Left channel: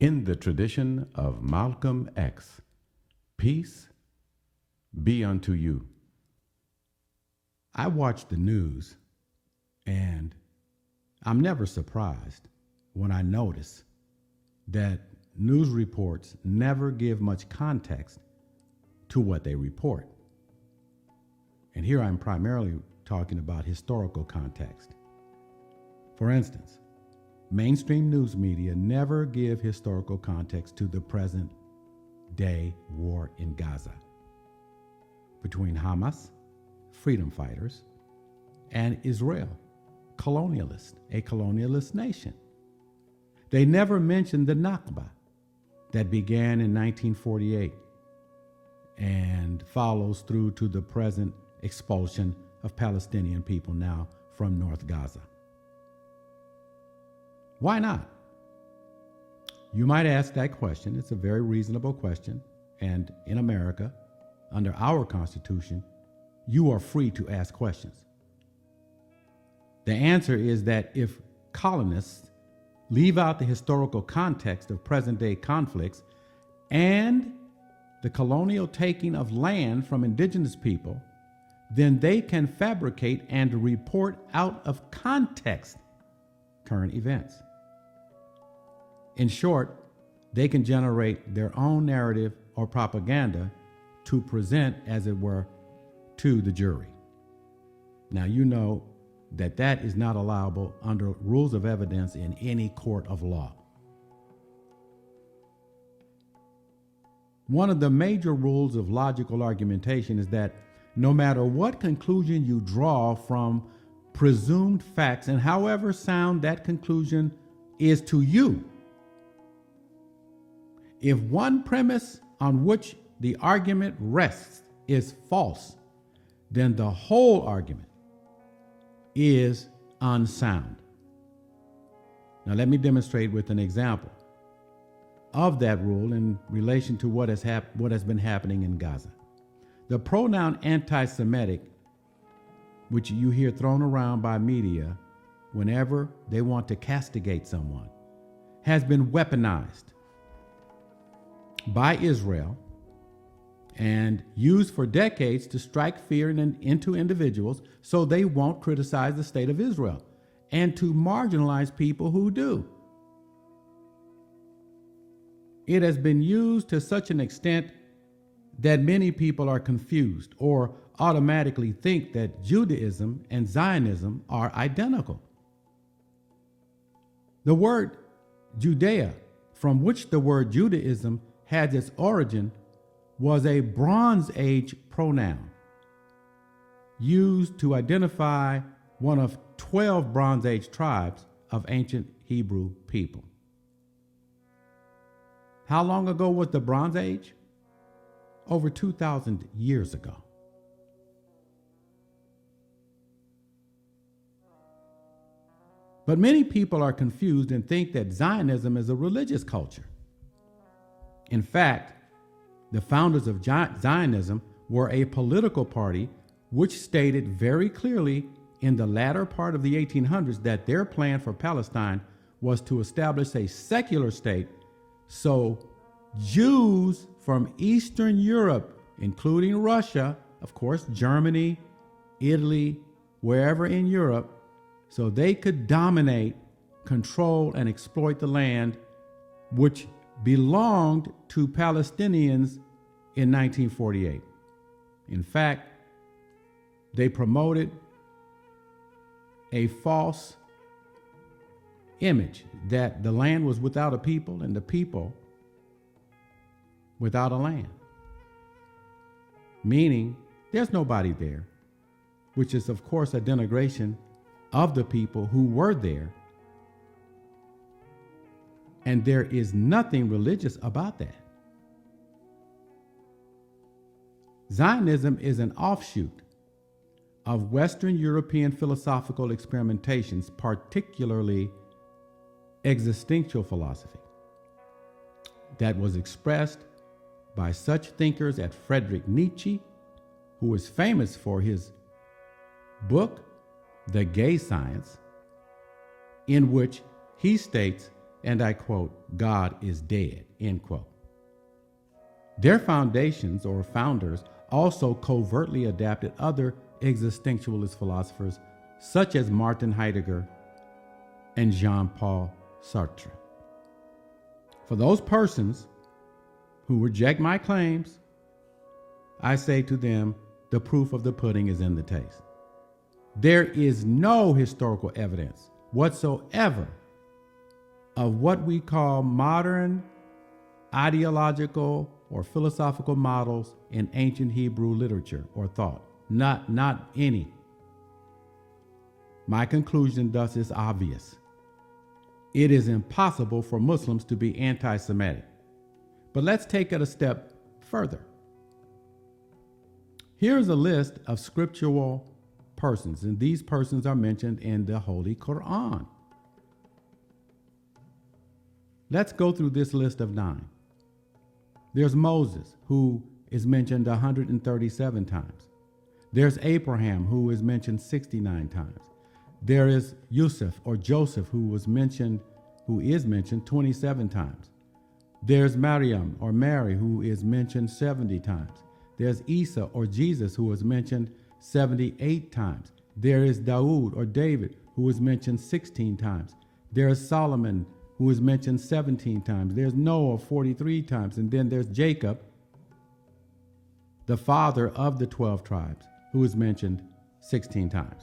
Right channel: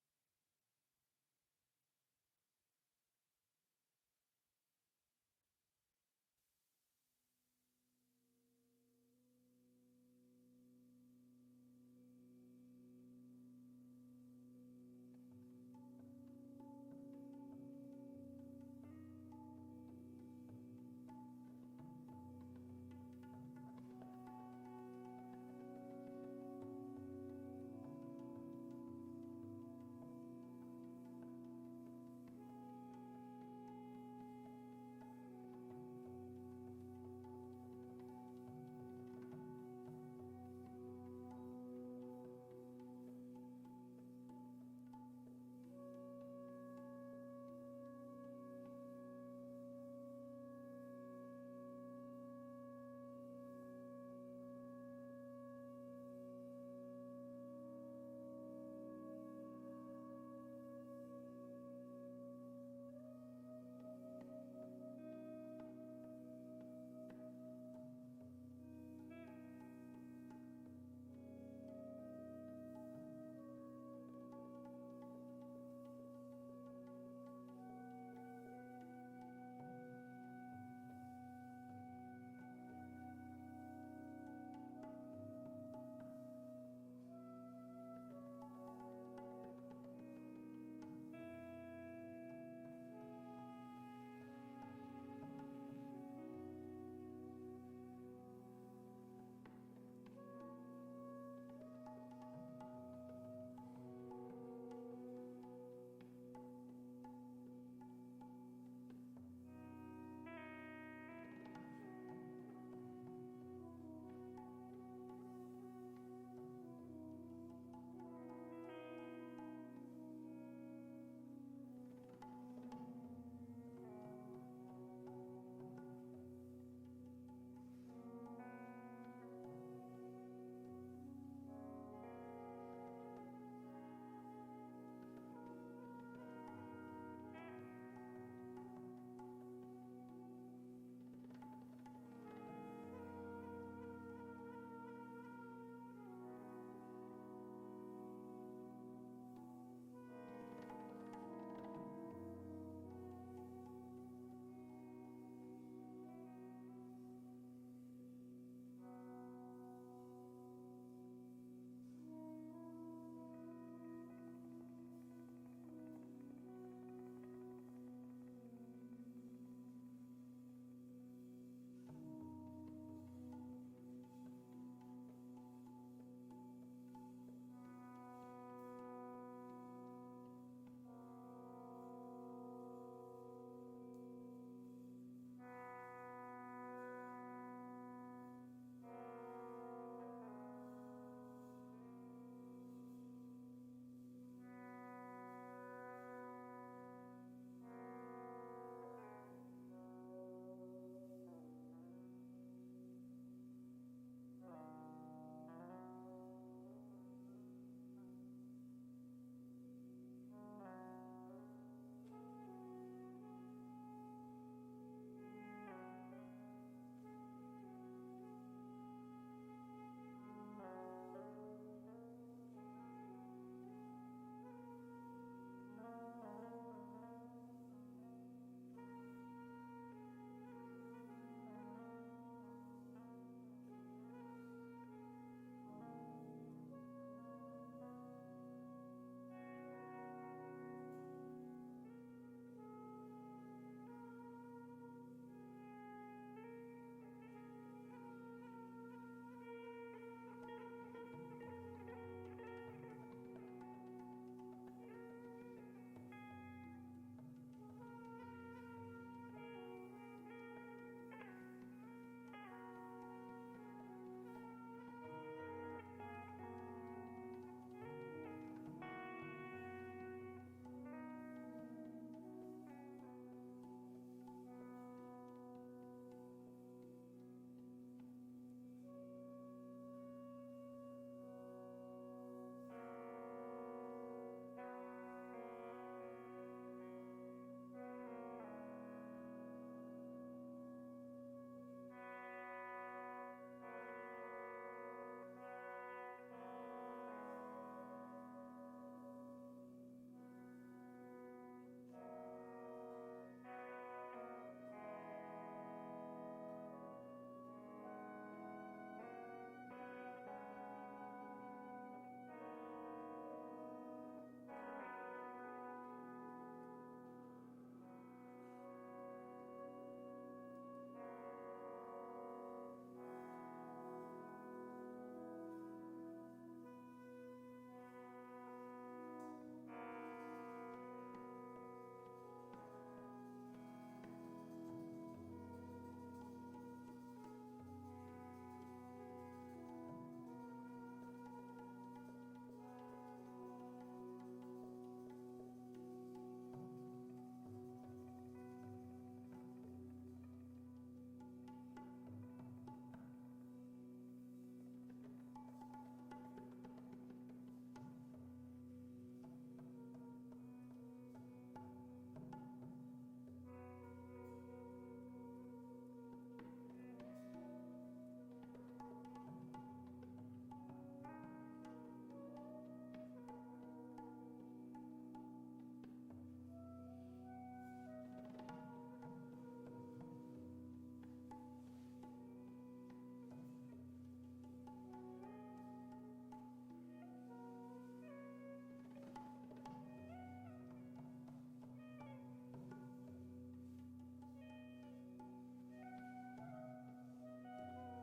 In the tradition of Malcolm X, peace be unto you. I watch the news and I'm never surprised when I notice that news reports never give much context to what they report. And here I'm primarily talking about historical context. For instance, mainstream news media never give historical context to the present day war in Gaza between Hamas, freedom fighters, and Israel, a colonialist nation. They never mention the Nakba that began in 1948 and follows through to the present expulsion of Palestinian people now from North Gaza. Why not? You might ask that question. It's a very reasonable question. And in America, under our Constitution, you are free to ask questions. The answer is that if colonists leave out the historical context of present-day conflicts and the colonial taking of land from indigenous people, then they can fabricate and report out of context current events. In short, they can generate their own narrative or propaganda to present, as it were, to the jury. Now, you know that that is not allowable under rules of evidence in any court of law. One of the major rules of logical argumentation is that no matter what conclusion you draw from presumed facts, and however sound that conclusion is to you, if one premise on which the argument rests is false, then the whole argument is unsound. Now, let me demonstrate with an example of that rule in relation to what has been happening in Gaza. The pronoun anti-Semitic, which you hear thrown around by media whenever they want to castigate someone, has been weaponized by Israel and used for decades to strike fear into individuals so they won't criticize the state of Israel and to marginalize people who do. It has been used to such an extent that many people are confused or automatically think that Judaism and Zionism are identical. The word Judea, from which the word Judaism has its origin, was a Bronze Age pronoun used to identify one of 12 Bronze Age tribes of ancient Hebrew people. How long ago was the Bronze Age? Over 2,000 years ago. But many people are confused and think that Zionism is a religious culture. In fact, the founders of Zionism were a political party which stated very clearly in the latter part of the 1800s that their plan for Palestine was to establish a secular state so Jews from Eastern Europe, including Russia, of course, Germany, Italy, wherever in Europe, so they could dominate, control, and exploit the land which belonged to Palestinians in 1948. In fact, they promoted a false image that the land was without a people and the people without a land, meaning there's nobody there, which is, of course, a denigration of the people who were there. And there is nothing religious about that. Zionism is an offshoot of Western European philosophical experimentations, particularly existential philosophy, that was expressed by such thinkers as Friedrich Nietzsche, who is famous for his book, The Gay Science, in which he states and I quote, God is dead, end quote. Their foundations or founders also covertly adapted other existentialist philosophers such as Martin Heidegger and Jean-Paul Sartre. For those persons who reject my claims, I say to them, the proof of the pudding is in the taste. There is no historical evidence whatsoever of what we call modern ideological or philosophical models in ancient Hebrew literature or thought. Not any. My conclusion thus is obvious. It is impossible for Muslims to be anti-Semitic. But let's take it a step further. Here's a list of scriptural persons, and these persons are mentioned in the Holy Quran. Let's go through this list of 9. There's Moses, who is mentioned 137 times. There's Abraham, who is mentioned 69 times. There is Yusuf or Joseph, who is mentioned 27 times. There's Maryam or Mary, who is mentioned 70 times. There's Isa or Jesus, who is mentioned 78 times. There is Dawood or David, who is mentioned 16 times. There is Solomon, who is mentioned 17 times. There's Noah 43 times. And then there's Jacob, the father of the 12 tribes, who is mentioned 16 times.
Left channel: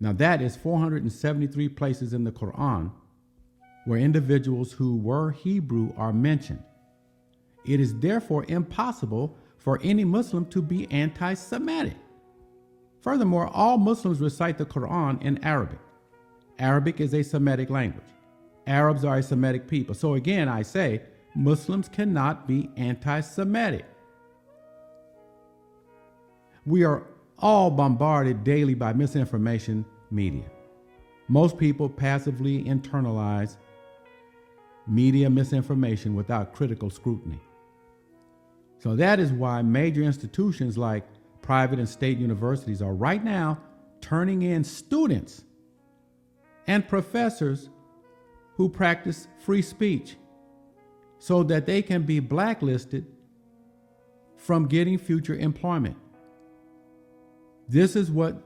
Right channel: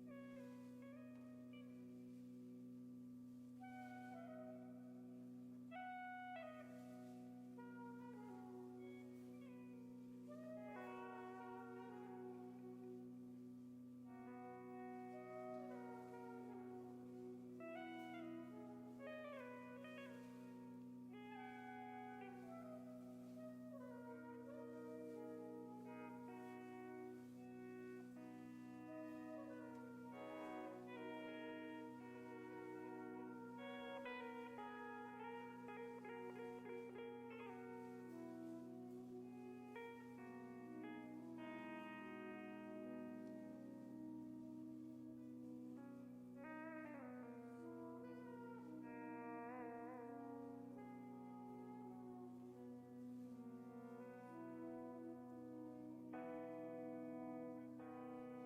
Now that is 473 places in the Quran where individuals who were Hebrew are mentioned. It is therefore impossible for any Muslim to be anti-Semitic. Furthermore, all Muslims recite the Quran in Arabic. Arabic is a Semitic language. Arabs are a Semitic people. So again, I say, Muslims cannot be anti-Semitic. We are all bombarded daily by misinformation media. Most people passively internalize media misinformation without critical scrutiny. So that is why major institutions like private and state universities are right now turning in students and professors who practice free speech so that they can be blacklisted from getting future employment. This is what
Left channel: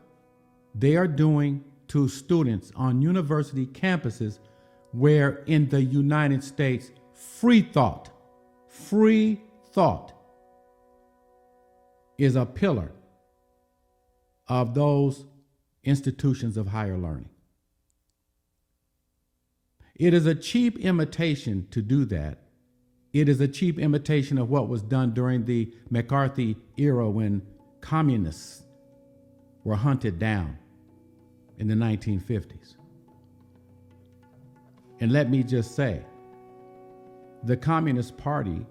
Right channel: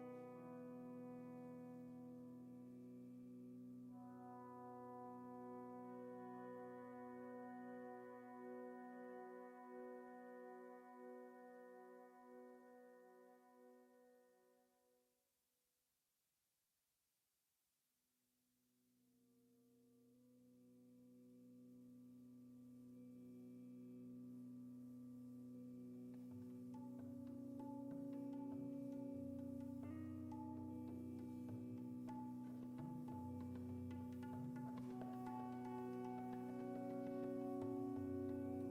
they are doing to students on university campuses where in the United States, free thought is a pillar of those institutions of higher learning. It is a cheap imitation to do that. It is a cheap imitation of what was done during the McCarthy era when communists were hunted down in the 1950s. And let me just say, the Communist Party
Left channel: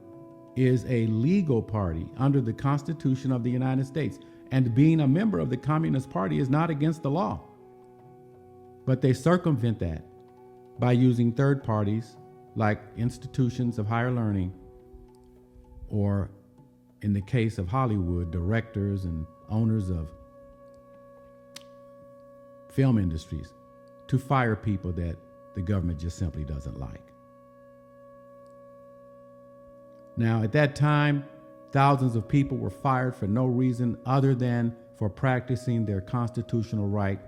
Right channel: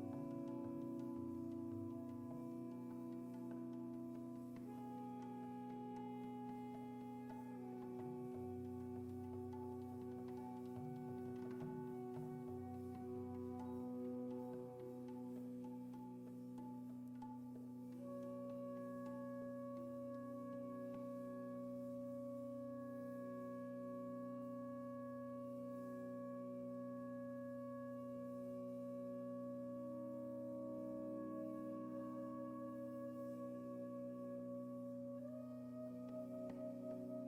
is a legal party under the Constitution of the United States. And being a member of the Communist Party is not against the law. But they circumvent that by using third parties like institutions of higher learning, or in the case of Hollywood, directors and owners of film industries, to fire people that the government just simply doesn't like. Now, at that time, thousands of people were fired for no reason other than for practicing their constitutional right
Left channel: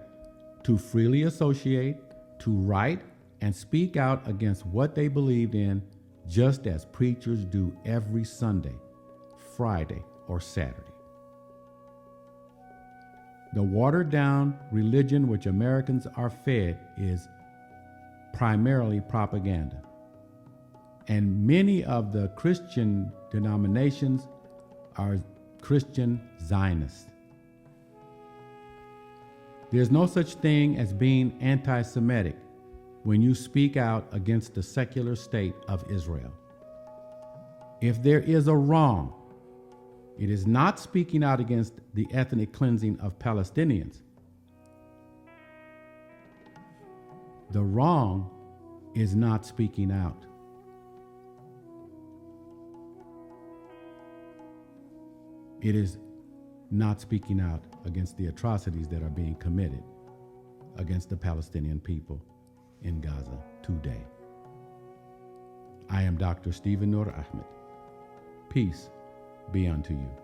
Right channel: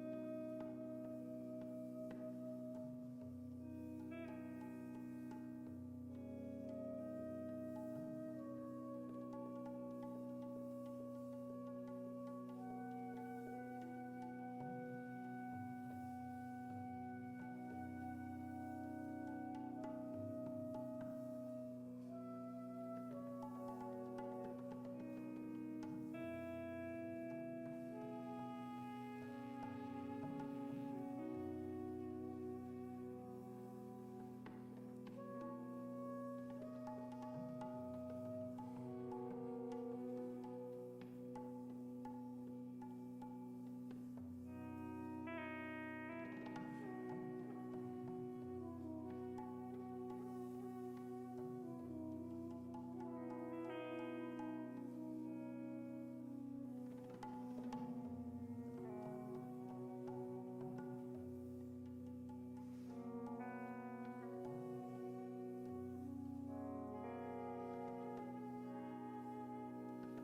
to freely associate, to write, and speak out against what they believed in, just as preachers do every Sunday, Friday, or Saturday. The watered-down religion which Americans are fed is primarily propaganda. And many of the Christian denominations are Christian Zionists. There's no such thing as being anti-Semitic when you speak out against the secular state of Israel. If there is a wrong, it is not speaking out against the ethnic cleansing of Palestinians. The wrong is not speaking out. It is not speaking out against the atrocities that are being committed against the Palestinian people in Gaza today. I am Dr. Stephen Nur Ahmed. Peace be unto you.